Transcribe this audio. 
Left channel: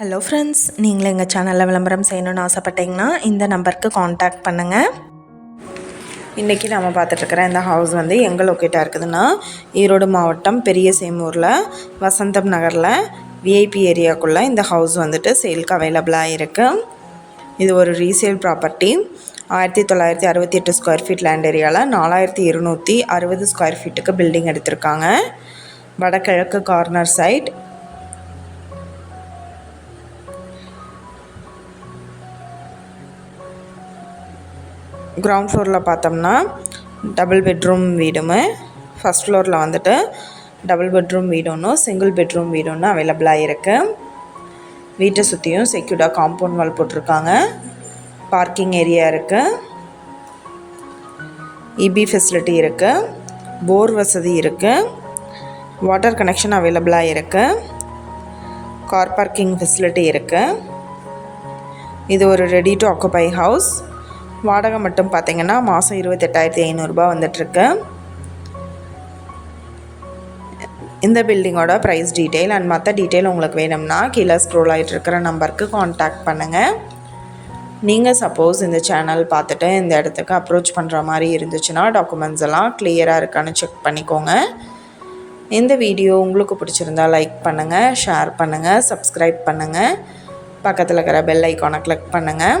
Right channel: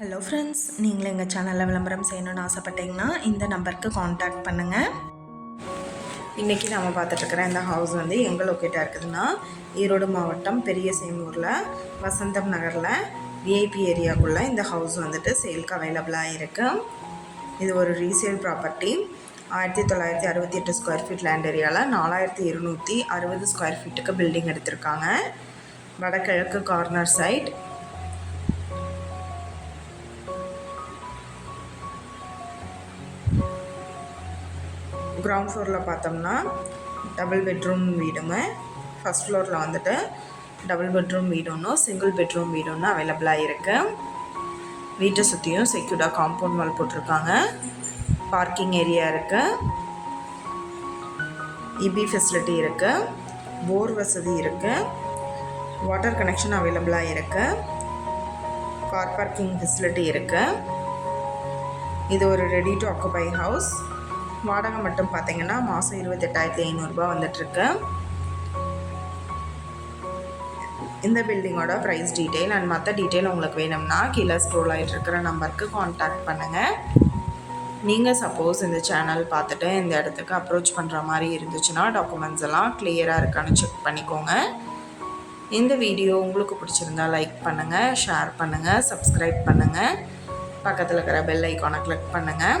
Hello friends நீங்களும் எங்கள் சேனலில் விளம்பரம் செய்யணும்னு ஆசைப்பட்டீங்கன்னா இந்த நம்பருக்கு காண்டாக்ட் பண்ணுங்கள் இன்றைக்கி நம்ம பார்த்துட்ருக்குற இந்த ஹவுஸ் வந்து எங்கே லொக்கேட்டாக இருக்குதுன்னா ஈரோடு மாவட்டம் பெரிய சேமூரில் வசந்தம் நகரில் விஐபி ஏரியாக்குள்ளே இந்த ஹவுஸ் வந்துட்டு சேல்க்கு அவைலபிளாக இருக்குது இது ஒரு ரீசேல் ப்ராப்பர்ட்டி ஆயிரத்தி தொள்ளாயிரத்தி அறுபத்தி எட்டு ஸ்கொயர் ஃபீட் லேண்ட் ஏரியாவில் நாலாயிரத்தி இருநூற்றி அறுபது ஸ்கொயர் ஃபீட்டுக்கு பில்டிங் எடுத்திருக்காங்க. வடகிழக்கு கார்னர் சைட் கிரவுண்ட் ஃப்ளோரில் பார்த்தோம்னா டபுள் பெட்ரூம் வீடுமே ஃபஸ்ட் ஃப்ளோரில் வந்துட்டு டபுள் பெட்ரூம் வீடு சிங்கிள் பெட்ரூம் வீடு ஒன்று அவைலபிளாக இருக்குது வீட்டை சுற்றியும் செக்யூர்டாக காம்பவுண்ட் வால் போட்டிருக்காங்க. பார்க்கிங் ஏரியா இருக்குது இபி ஃபெசிலிட்டி இருக்குது போர் வசதி இருக்குது வாட்டர் கனெக்ஷன் அவைலபிளாக இருக்குது கார் பார்க்கிங் ஃபெசிலிட்டி இருக்குது இது ஒரு ரெடி டு ஆக்குபை ஹவுஸ் வாடகை மட்டும் பார்த்தீங்கன்னா மாதம் இருபத்தெட்டாயிரத்தி ஐநூறுரூபா வந்துட்டுருக்கு. இந்த பில்டிங்கோட ப்ரைஸ் டீட்டெயில் அண்ட் மற்ற டீட்டெயில் உங்களுக்கு வேணும்னா கீழே ஸ்க்ரோல் ஆகிட்டு இருக்கிற நம்பருக்கு காண்டாக்ட் பண்ணுங்கள் நீங்கள் சப்போஸ் இந்த சேனல் பார்த்துட்டு இந்த இடத்துக்கு அப்ரோச் பண்ணுற மாதிரி இருந்துச்சுன்னா டாக்குமெண்ட்ஸ் எல்லாம் கிளியராக இருக்கான்னு செக் பண்ணிக்கோங்க. இந்த வீடியோ உங்களுக்கு பிடிச்சிருந்தா லைக் பண்ணுங்கள் ஷேர் பண்ணுங்கள் சப்ஸ்கிரைப் பண்ணுங்கள் பக்கத்தில் இருக்கிற பெல் ஐக்கானை கிளிக் பண்ணுங்கள்